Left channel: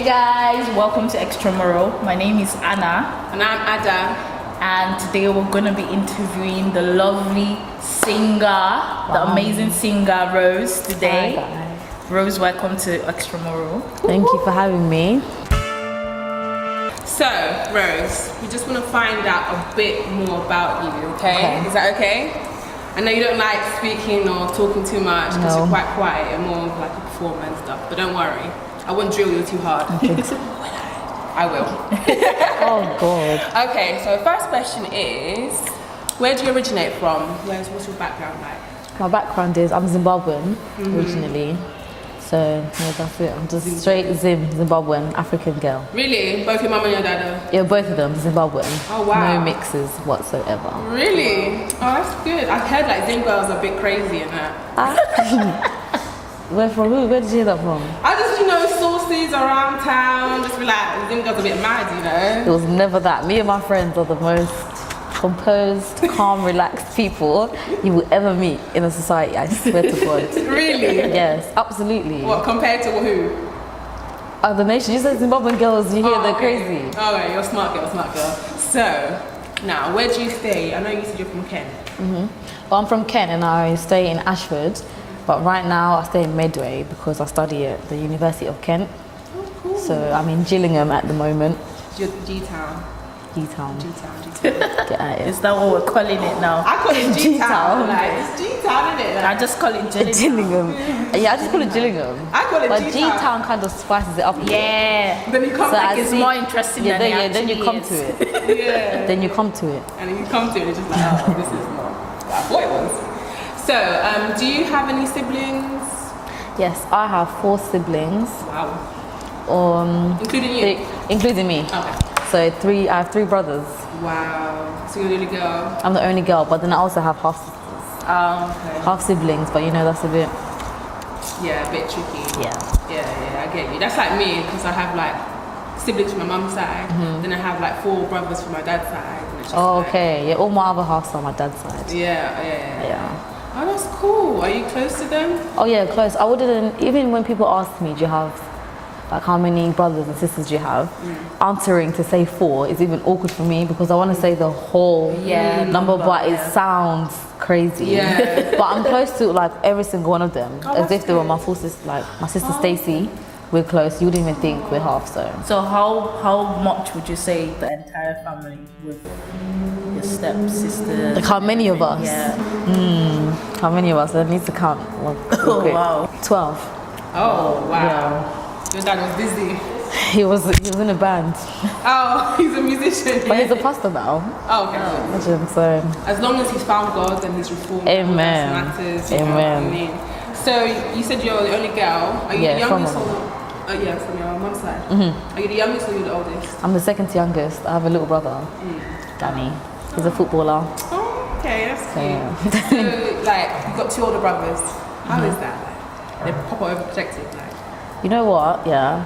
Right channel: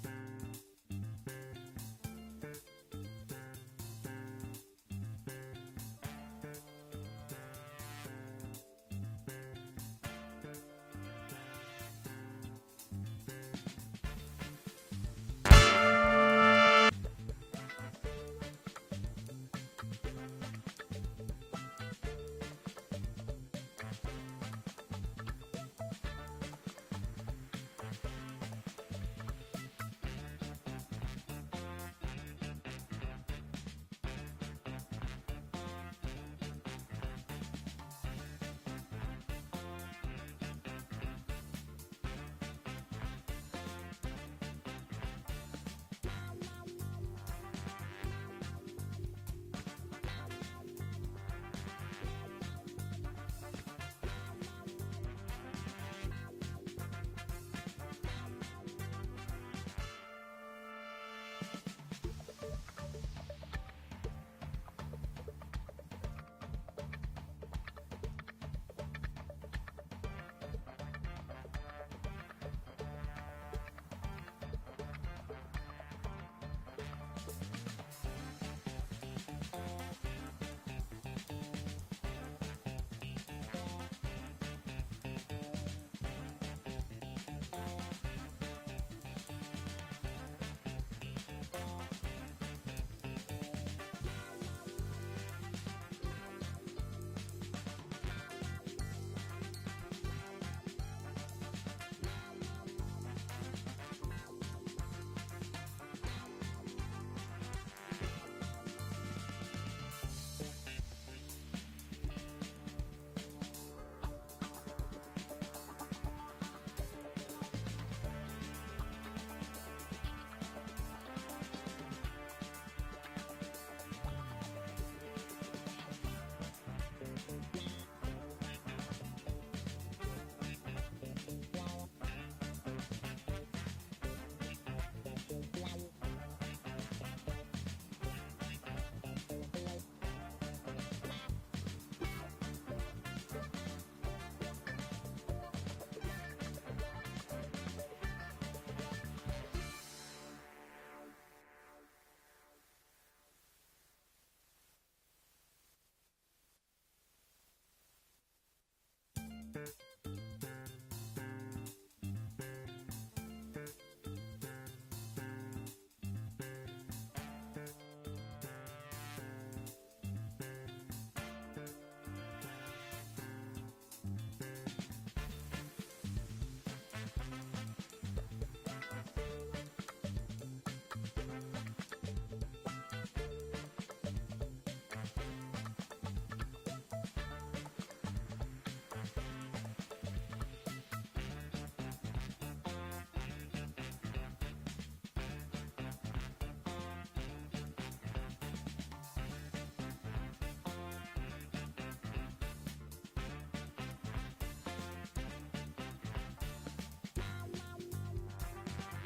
Hey guys, welcome to XTRAMURAL. My name is Anna. And I'm Ada. And today we're going to be interviewing the lovely singer, the amazing singer Rose today. Hi. Rose, welcome to XTRAMURAL. Thank you for having me. So, Rose, we just want to find out a bit more about you, okay? Is that okay? I know you don't like speaking or talking too much because you're quite quiet and more of like a performer and stuff, but don't worry. I won't drill you too hard. I will. Oh God. Okay, so first question is, where do you originate from? What's your background like? My background is I'm Zimbabwean originally. So yeah, that's it. I'm just straight Zimbabwean African girl. Really? Both your mum and your dad are? Yeah, both of them Zimbabwean. Oh wow. No mixes whatsoever. Really? Oh, that's good. I've heard like Zim girls are a bit crazy and that. Where from? Who? Where did you hear that from? I just, sources around town, just be like, Zim girls a bit mad, It was never that. Me and my friends are the most composed, calm, relaxed people you will ever meet in a society, I swear to God. Really? Yes, absolutely. What, compared to who? Other nations, you said Zimbabwean girls, you hear they're crazy. Oh, right, you're a smart girl. So, now, where do you stay? I know you said you're from Kent. Well, I'm from Kent and I stay in Ashford, but right now I stay in Medway because I study at the University of Kent. Oh, cool. So I'm in Gillingham at the moment. G-Town. G-Town. Get at it. Is that what we're calling it now? I call it G-Town. Like, it's G-Town, isn't it? I just call it Gillingham. Gillingham. Yeah, I just call it Gillingham. I call it But G-Town. G-Town kind of spices it up a bit. Yeah. Then you come So back, It's more interesting than it then you actually come is. to it. yeah. Then you come to it. And then you come to it and it's just like, oh, this is more what I thought it was. So, do you have any siblings? Yes, I have 4 siblings. Wow. Including you? Including me. Okay. So I have 3 brothers. Wow. So you're the only girl? I'm the only girl, but then I also have half Okay. half siblings, but that's a bit. Yeah, a bit tricky. Yeah. Yeah, I get you. That's like me, because I have like siblings from my mum's side, then I have like 4 brothers from my dad's side. And it's just Oh, like, okay. Yeah, all my other halves are on my dad's side. Yeah. Oh, that's cool. Are you close to them? Oh yeah, close. I wouldn't, even when people ask me, do you have, like how many brothers and sisters do you have? Answering to say 4 is even awkward for me because I want to say the whole number, but it sounds crazy. Yeah. But I'm close to like every single one of them, as if they were my full sister, like my sister Stacey. We're close. You wouldn't even think we're half, so. So how much would you say the entire family with your stepsister? Like how many of us? Yeah. How many of us? I need to count. Oh, wow. 12. Oh, wow. Yeah. Your dad was busy. He was in a band. Oh, he's a musician. But he's a pastor now. Oh, okay. Imagine, so. As long as he's found God and he's reformed, Amen. that matters. You know Amen. what I mean? So you said you're the only girl. Are you the youngest or? From your mum's side. Are you the youngest or you're the oldest? I'm the second youngest. I have a little brother, Danny. He's a footballer. Oh, okay, that's Yeah. cute. So, like, you've got 2 older brothers. How is that? They're proper overprotective, like. You know what? Yeah.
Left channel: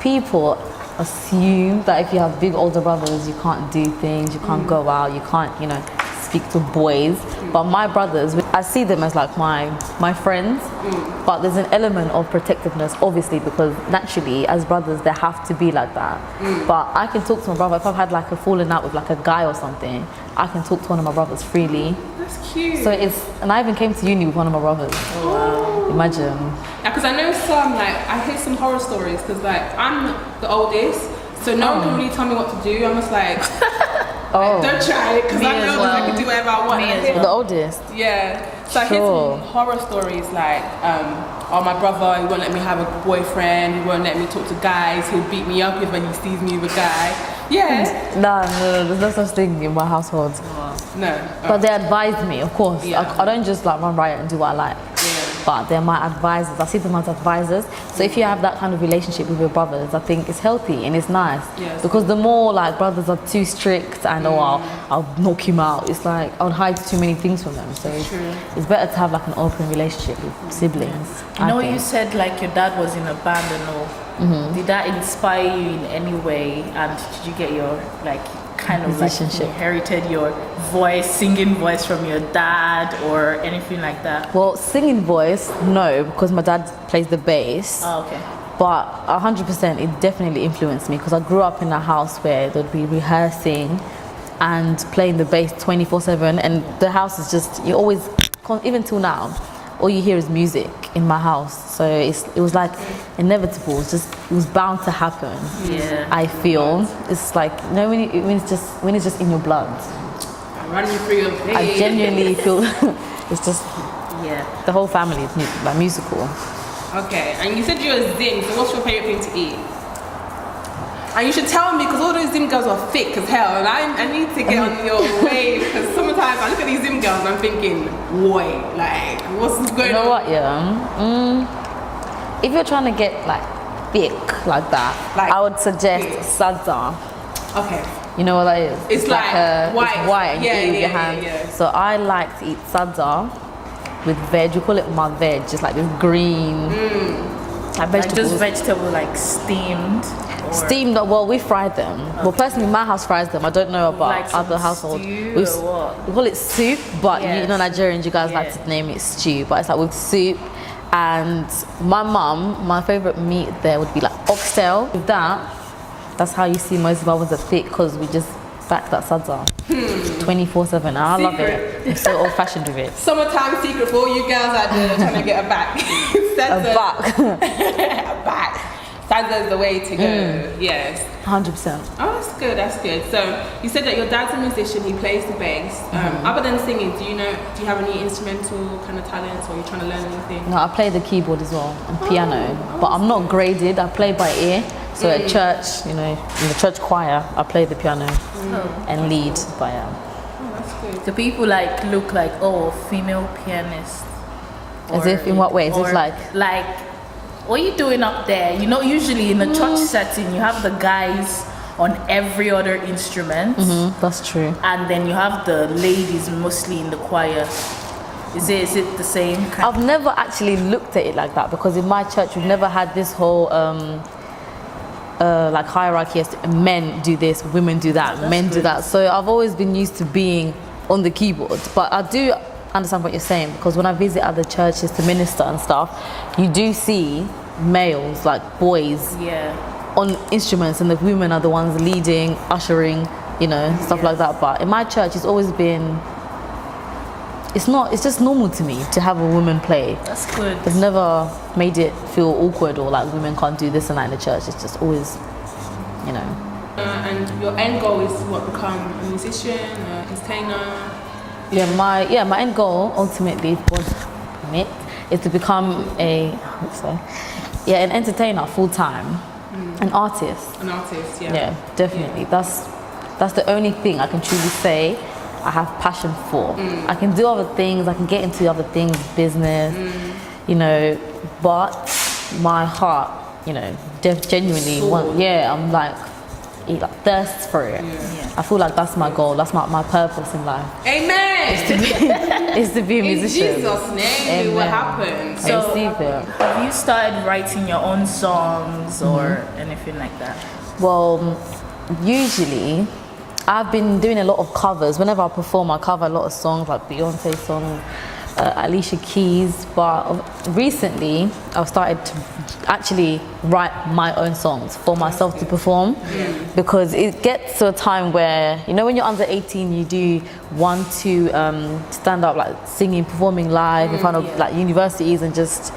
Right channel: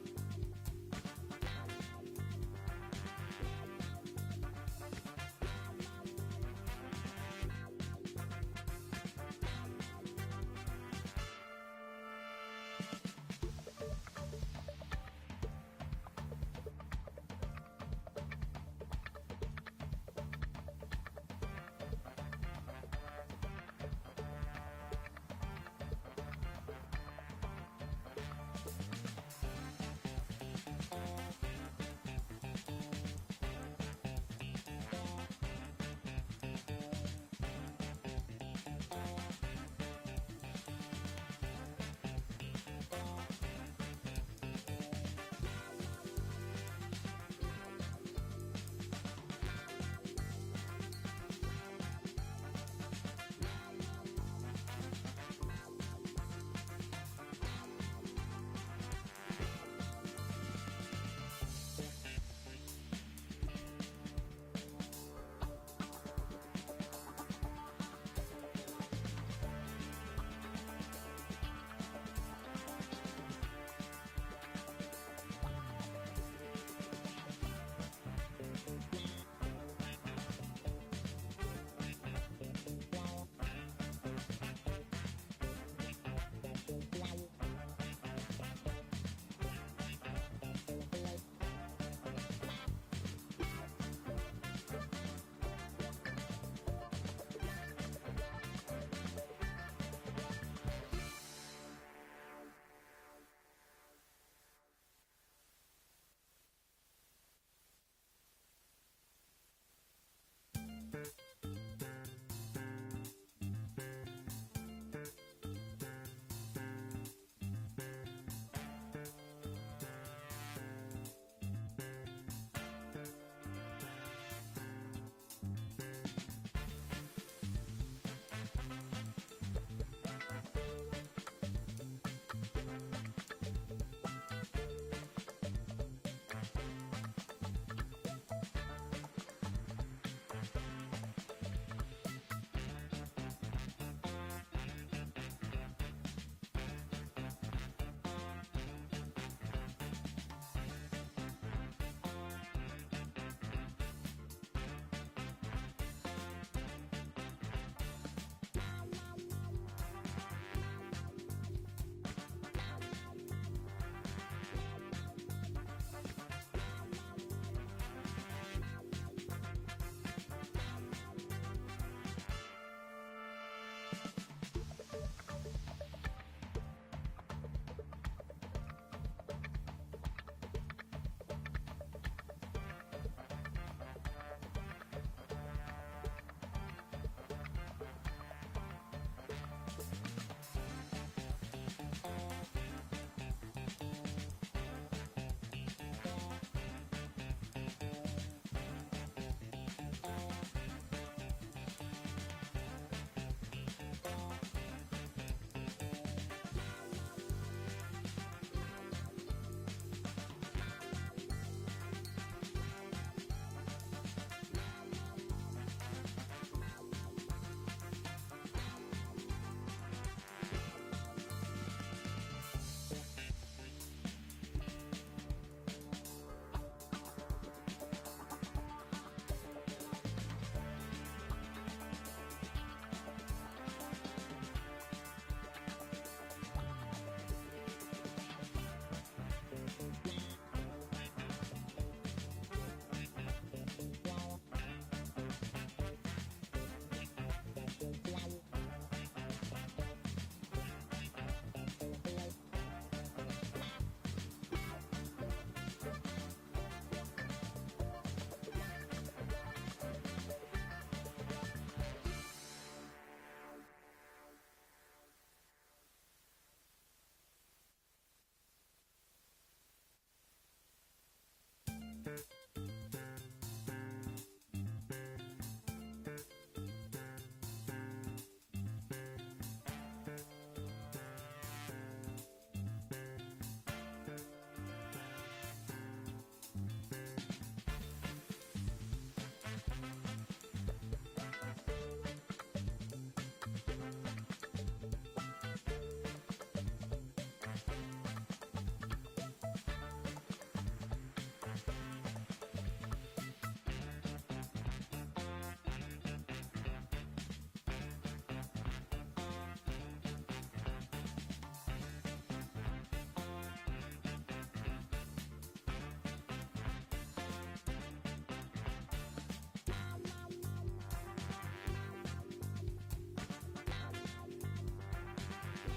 People assume that if you have big older brothers, you can't do things, you can't go out, you can't, speak to boys. But my brothers, I see them as like my friends, but there's an element of protectiveness, obviously, because naturally, as brothers, they have to be like that. But I can talk to my brother, if I've had like a falling out with like a guy or something, I can talk to one of my brothers freely. That's cute. So and I even came to uni with one of my brothers. Oh, wow. Imagine. Yeah, because I know I hear some horror stories, because like, I'm the oldest, so no one can really tell me what to do. I'm just like, don't try it, because I know that I can do whatever I want. The oldest? Yeah. So I hear some horror stories like, my brother, he won't let me have a boyfriend, he won't let me talk to guys, he'll beat me up if he sees me with a guy. Yeah. No, there's no such thing in my household. No. But they advise me, of course. Yeah. I don't just like run riot and do what I like. But they're my advisors. I see them as advisors. So if you have that kind of relationship with your brothers, I think it's healthy and it's nice. Yes. Because the more like brothers are too strict and I'll knock him out, it's like I'll hide too many things from them. So it's better to have like an open relationship with siblings. You said like your dad was in a band and all. Did that inspire you in any way? And did you get your like kind of like Musicianship. inherited your voice, singing voice from your dad or anything like that? Well, singing voice, no, because my dad plays the bass. Oh, okay. But 100% it definitely influenced me because I grew up in a house where they'd be rehearsing and playing the bass 24/7, and the house is just, you always, even till now, all you hear is music in my house. So it was like inevitable. It was bound to happen. Yeah. I feel it's like, you know, when it's just in your blood. Running through your veins. I genuinely feel it's just, Yeah. the whole family is like musical. Okay, and you said you're a Zim, so what's your favourite thing to eat? And you should tell me, because all those Zim girls are thick as hell, and I need to get on your wave, because sometimes I look at these Zim girls and I'm thinking, boy, like, what's going on? You know what, yeah? If you're trying to get like thick like that, Like I would suggest thick. sadza. Okay. You know what that is? It's like white. It's white and you Yeah, eat with yeah, your yeah, hands. yeah. So I like to eat sadza with veg. We call it my veg, just like this green like Like vegetables. just vegetable like steamed? Or Steamed, well, we fry them. Well, personally, my house fries them. I don't know about like some other households. stew We or what? we call it soup, but you Yes. know, Nigerians, you guys like Yeah. to name it stew, but it's like with soup. And my mum, my favorite meat there would be like oxtail. With that, that's how you see most of ours are thick, because we just back that sadza 24/7. I love it. I'm so old-fashioned with it. Summertime secret for all you girls out there trying to get a back. A buck, A back. Sadza is the way to go. Yes. 100%. Oh, that's good. That's good. So you said that your dad's a musician. He plays the bass. Other than singing, do you have any instrumental kind of talents, or are you trying to learn anything? No, I play the keyboard as well and piano, but I'm not graded. I play by ear. So at church, you know, in the church choir, I play the piano and lead by Oh, that's good. Do people like look like, oh, female pianist? As Or- if in what way? As if or like, what are you doing up there? You know, usually in a church setting, you have the guys on every other instrument, that's true. and then you have the ladies mostly in the choir. Is it the same kind? I've never actually looked at it like that, because in my church we've never had this whole like hierarchy as to men do this, women do that, That's men do good. that. So I've always been used to being on the keyboard. But I do understand what you're saying, because when I visit other churches to minister and stuff, you do see males, like boys, Yeah. on instruments, and the women are the ones leading, ushering, you know, stuff like that. But in my church, it's always been, it's just normal to me to have a woman play. That's good. It's never made it feel awkward or like women can't do this and that in the church. It's just always, you know. And your end goal is to become a musician, entertainer. My end goal ultimately, God permit, is to become an entertainer full time, an artist. An artist, yeah. Yeah, definitely. That's the only thing I can truly say I have passion for. I can do other things, I can get into other things, business, you know, but my heart, you know, genuinely I'm like, it like thirsts for it. Yeah. I feel like that's my goal, that's my purpose in life. Amen! Is to be a In musician. Jesus' name, it will Amen. happen. So, receive it. Have you started writing your own songs or anything like that? Well, usually I've been doing a lot of covers. Whenever I perform, I cover a lot of songs, like Beyonce songs, Alicia Keys. But recently, I've started to actually write my own songs for myself to perform, because it gets to a time where, you know, when you're under 18, you do want to stand up, like singing, performing live in front of like universities and just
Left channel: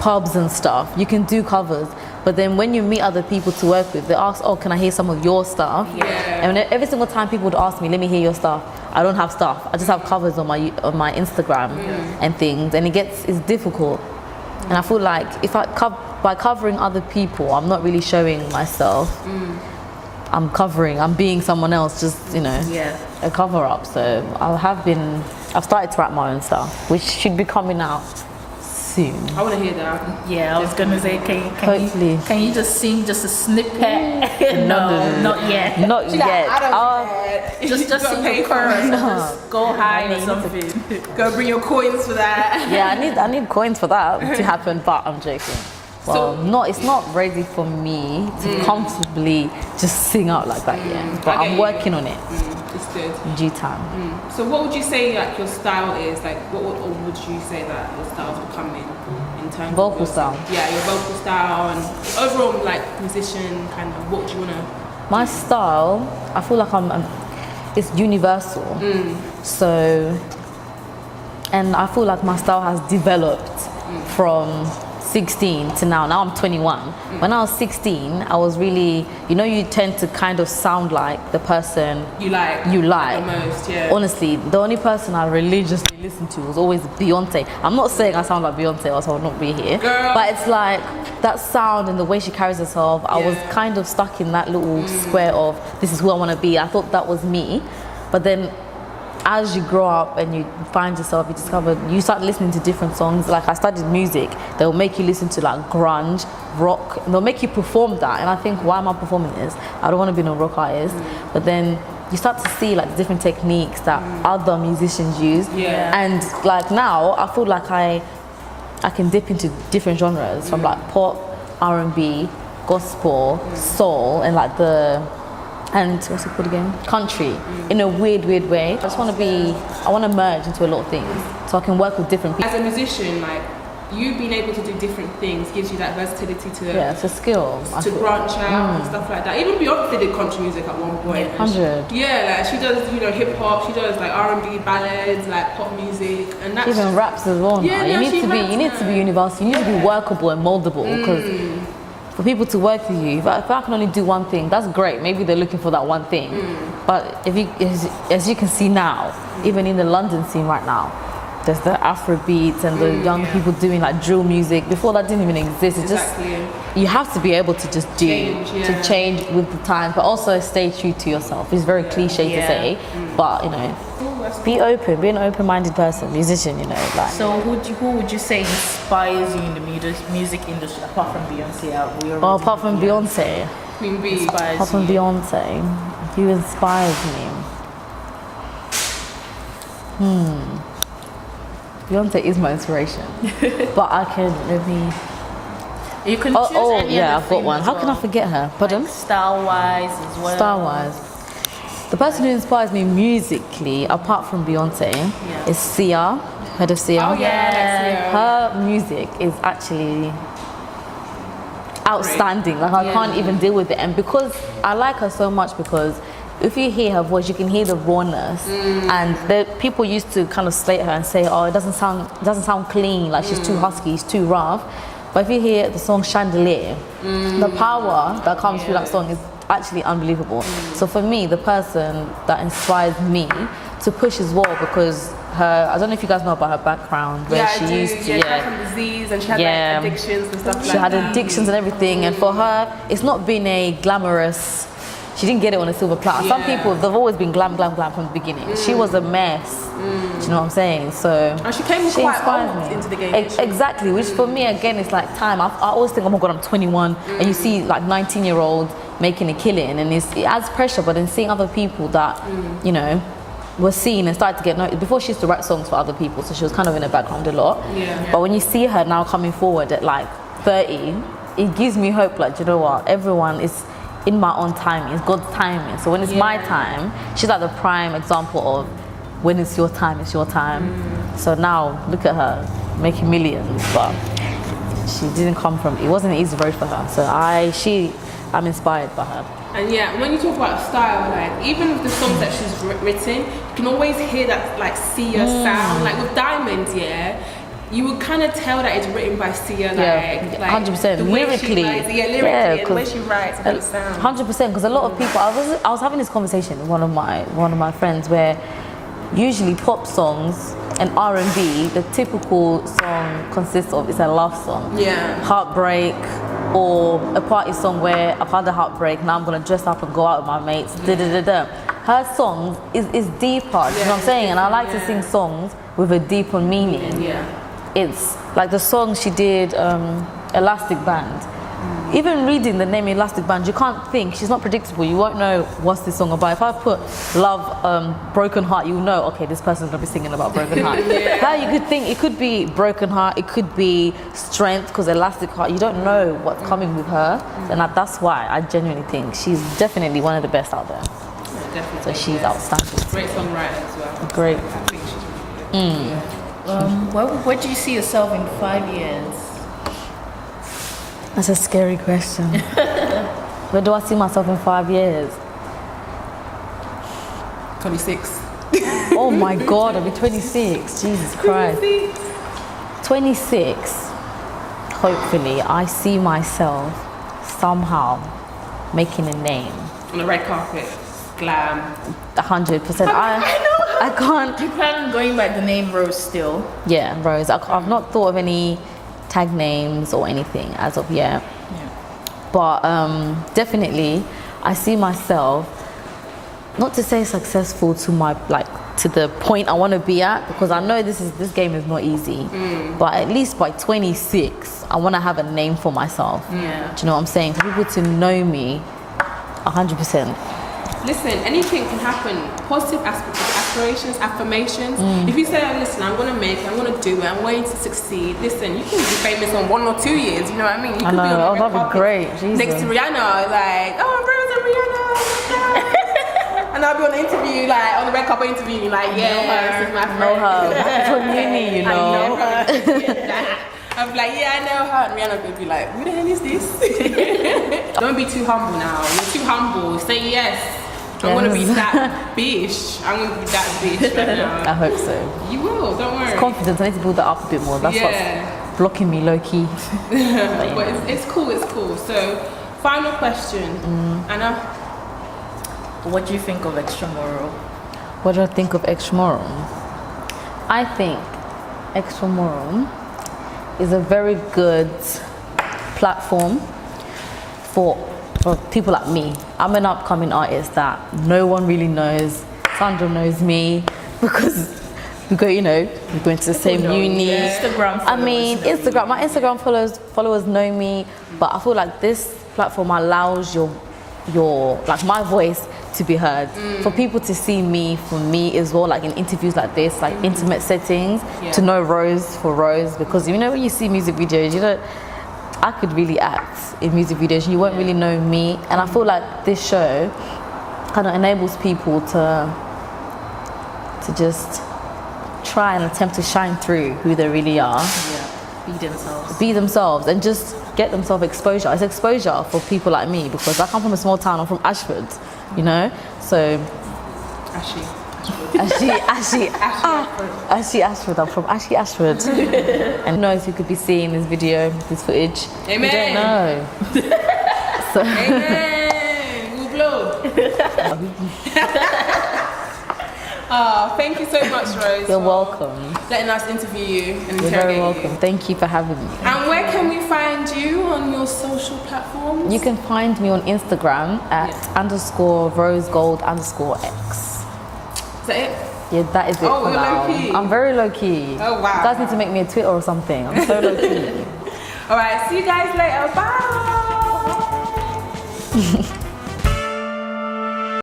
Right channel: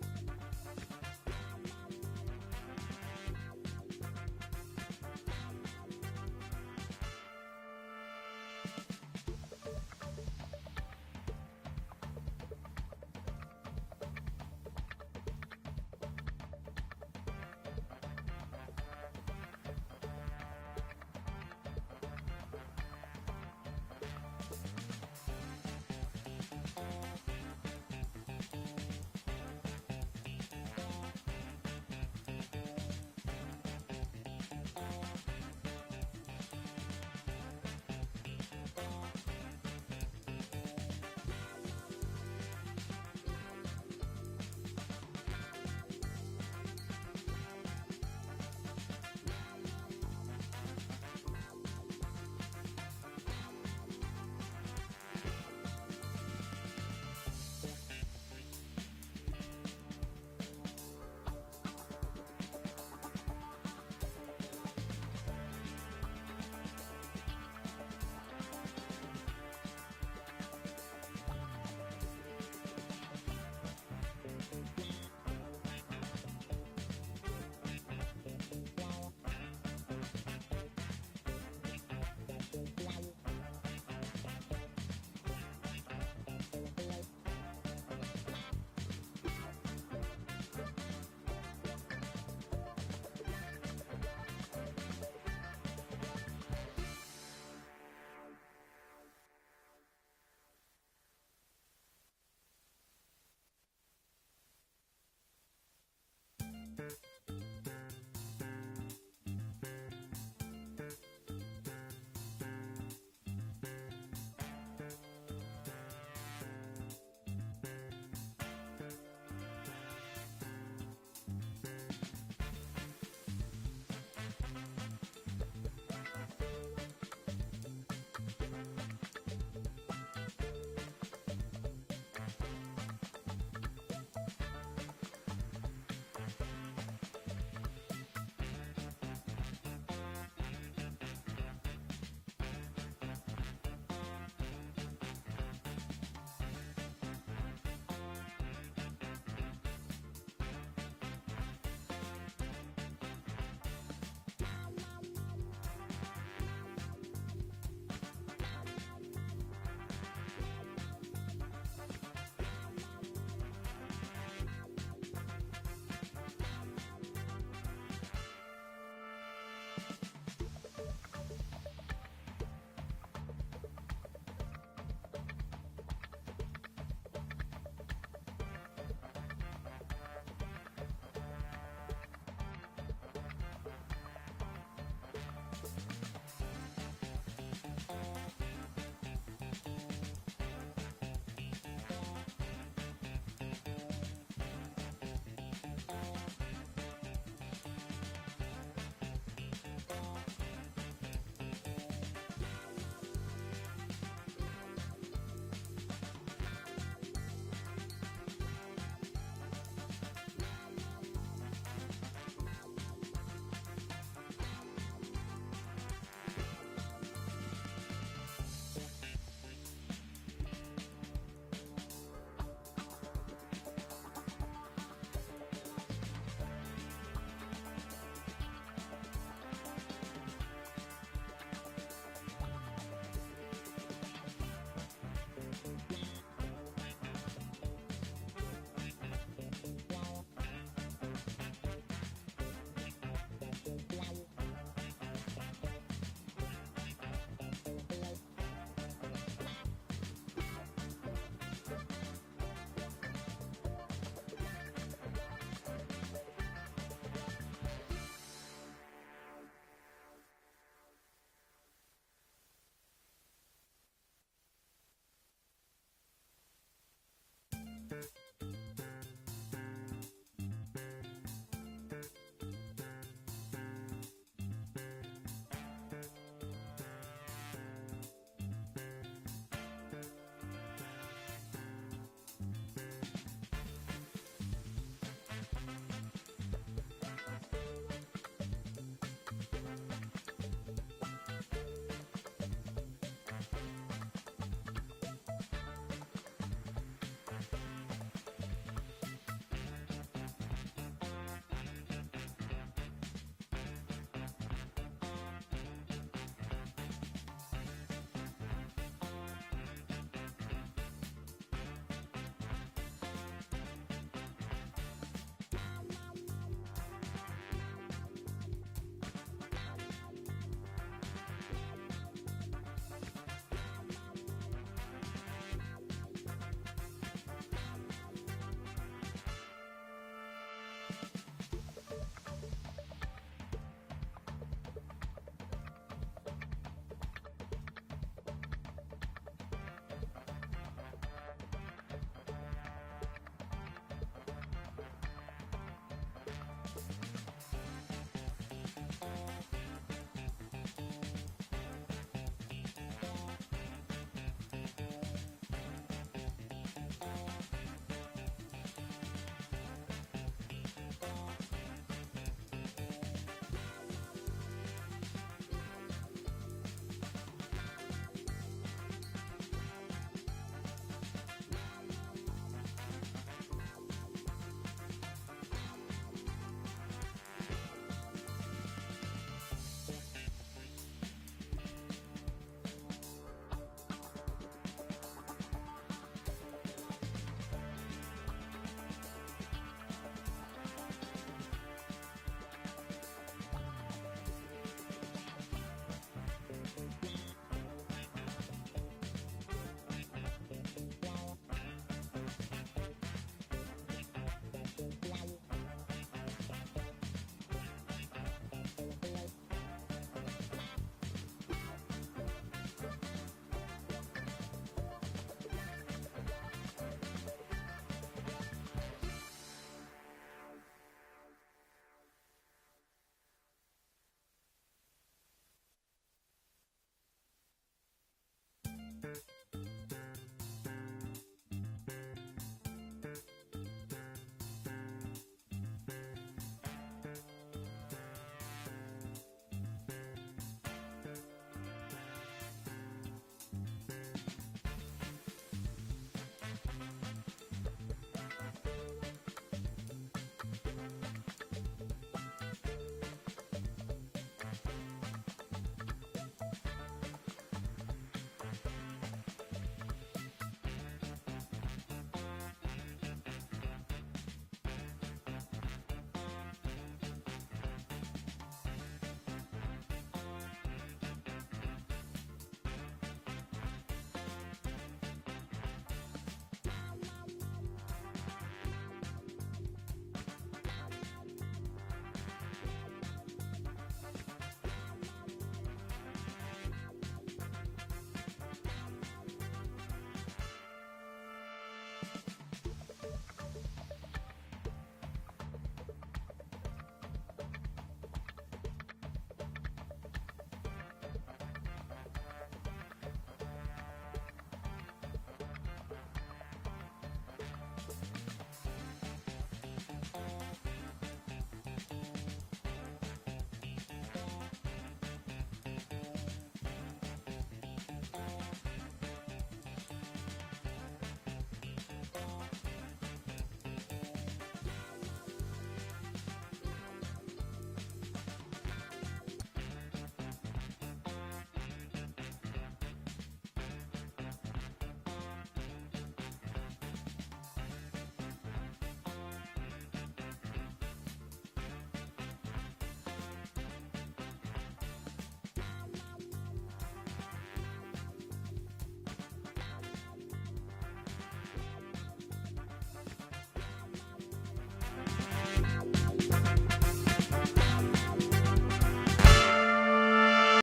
pubs and stuff. You can do covers. But then when you meet other people to work with, they ask, oh, can I hear some of your stuff? Yeah. And every single time people would ask me, let me hear your stuff, I don't have stuff. I just have covers on my Instagram and things, and it's difficult. And I feel like by covering other people, I'm not really showing myself. I'm being someone else, just, you know, a cover up. So I've started to write my own stuff, which should be coming out soon. I want to hear that. Yeah, I was gonna say, Hopefully. can you just sing just a snippet? No. Not yet. Not yet. Just sing pay your for chorus. it. And just go high or something. Go bring your coins for that. Yeah, I need coins for that to happen, but I'm joking. Well, it's not ready for me to comfortably just sing out like that yet. But I'm working on it. It's good. In due time. So what would you say like your style is? Like what would you say that your styles will come in terms Vocal of style. Yeah, your vocal style and overall like musician kind of what do you wanna My style, I feel like it's universal. So, and I feel like my style has developed from 16 to now. Now I'm 21. When I was 16, I was really, you tend to kind of sound like the person you like the most, yeah. Honestly, the only person I religiously listened to was always Beyonce. I'm not saying I sound like Beyonce or else I would not be here. Girl. But it's like that sound and the way she carries herself, I was kind of stuck in that little square of this is who I want to be. I thought that was me. But then as you grow up and you find yourself, you start listening to different songs. Like I studied music, they'll make you listen to like grunge, rock, and they'll make you perform that. And I think, why am I performing this? I don't want to be no rock artist. But then you start to see like different techniques that other musicians use. Yeah. And like now, I feel like I can dip into different genres from like pop, R&B, gospel, soul, and like and what's it called again? Country, in a weird way. I just want to merge into a lot of things so I can work with different people. As a musician, like you being able to do different things gives you that versatility to It's a skill. to branch out and stuff like that. Even Beyonce did country music at one point. 100. Yeah, like she does, hip hop. She does like R&B ballads, like pop music, and that's Even raps as well. Yeah, now. no, she You need raps to be universal. You need to be workable and moldable because for people to work with you, if I can only do one thing, that's great. Maybe they're looking for that one thing. But as you can see now, even in the London scene right now, there's the Afro beats and the young people doing like drill music. Before that didn't even exist. It's just you have to be able to just change with the time, but also stay true to yourself. It's very cliche to say, but be open, be an open-minded person, musician. Like. So who would you say inspires you in the music industry apart from Beyonce? Apart from Beyonce. Queen Bee. Apart from Beyonce, who inspires me? Beyonce is my inspiration, but I can maybe. You can choose any other I've got one. How can I forget her? Pardon? Like style-wise as well. Style-wise, the person who inspires me musically, apart from Beyonce, is Sia. Heard of Sia? Oh yeah. Her music is actually outstanding. Like I can't even deal with it, and because I like her so much, because if you hear her voice, you can hear the rawness, and people used to kind of slate her and say, "Oh, it doesn't sound clean. Like she's too husky, she's too rough." But if you hear the song Chandelier, the power that comes through that song is actually unbelievable. So for me, the person that inspires me to push as well, because I don't know if you guys know about her background, where she used to, she had some disease and she had like addictions and stuff like that. She had addictions and everything, and for her, it's not been a glamorous. She didn't get it on a silver platter. Some people, they've always been glam from the beginning. She was a mess. Do you know what I'm saying? So and she came quite old into the game. Exactly, which for me, again, it's like time. I always think, oh my God, I'm 21. And you see like 19-year-olds making a killing, and it adds pressure, but then seeing other people that, were seen and started to get noticed. Before, she used to write songs for other people, so she was kind of in the background a lot. But when you see her now coming forward at like 30, it gives me hope, like, you know what, everyone is in my own timing. It's God's timing. So when it's my time, she's like the prime example of when it's your time, it's your time. So now look at her making millions, but she didn't come from. It wasn't an easy road for her. So I'm inspired by her. And when you talk about style, like even with the songs that she's written, you can always hear that like Sia sound. Like with Diamonds, you would kind of tell that it's written by Sia, like 100%. Lyrically, lyrically, and the way she writes, and the sound. 100%, because a lot of people. I was having this conversation with one of my friends where usually pop songs and R&B, the typical song consists of is a love song, heartbreak, or a party song where I've had a heartbreak, now I'm gonna dress up and go out with my mates. Her songs is deeper. You know what I'm saying? And I like to sing songs with a deeper meaning. It's like the song she did, Elastic Band. Even reading the name Elastic Band, you can't think. She's not predictable. You won't know what's this song about. If I put Love, Broken Heart, you'll know, okay, this person's gonna be singing about Broken Heart. How you could think it could be Broken Heart, it could be Strength, because Elastic Heart, you don't know what's coming with her. And that's why I genuinely think she's definitely one of the best out there. Definitely. So she's outstanding. Great songwriter as well. Great. I think she's really good. Where do you see yourself in 5 years? That's a scary question. Where do I see myself in 5 years? 26. Oh my God, I'll be 26. Jesus Christ. 26. Hopefully, I see myself somehow making a name. On the red carpet. Glam. 100%. I can't. You plan on going by the name Rose still? Yeah, Rose. I've not thought of any tag names or anything as of yet. But definitely, I see myself, not to say successful to to the point I want to be at, because I know this game is not easy. But at least by 26, I want to have a name for myself. Yeah. Do you know what I'm saying? For people to know me 100%. Listen, anything can happen. Positive aspirations, affirmations. If you say, oh, listen, I'm going to make it, I'm going to do it, I'm going to succeed. Listen, you can be famous in 1 or 2 years, you know what I mean? You I could know, be on the red that'd be carpet great. Jesus. next to Rihanna, like, oh, Rose and Rihanna. And I'll be on the interview, like, on the red carpet interview, like, yeah, this is my friend. Know her. From uni, you know. I know her. I'm like, yeah, I know her. And Rihanna would be like, who the hell is this? Don't be too humble now. You're too humble. Say yes. I'm gonna be that bitch. I'm gonna be that bitch right now. I hope so. You will, don't worry. It's confidence. I need to build that up a bit more. That's what's blocking me low key. But it's cool, it's cool. So, final question. Anna? What do you think of XTRAMURAL? What do I think of XTRAMURAL? I think XTRAMURAL is a very good platform for people like me. I'm an upcoming artist that no one really knows. Sandra knows me because we go into the same uni. Instagram I mean, my Instagram followers know me, but I feel like this platform allows your like my voice to be heard. For people to see me, for me as well, like in interviews like this, like intimate settings, to know Rose for Rose, because when you see music videos, I could really act in music videos, you won't really know me. And I feel like this show kind of enables people to just try and attempt to shine through who they really are. Be themselves and just get themselves exposure. It's exposure for people like me, because I come from a small town. I'm from Ashford, so Ashford. I'm from Ashford. And who knows who could be seeing this video, this footage. Amen. We don't know. So. Amen. We'll blow. Thank you so much, Rose. You're welcome. Letting us interview you and You're very welcome. you. Thank you for having me. And where can we find you on your social platforms? You can find me on Instagram at _rosegold_x. Is that it? Yeah, that is it Oh, for you're now. low-key. I'm very low key. Oh, wow. You guys need to make me a Twitter or something. I'm so low key. All right, see you guys later. Bye.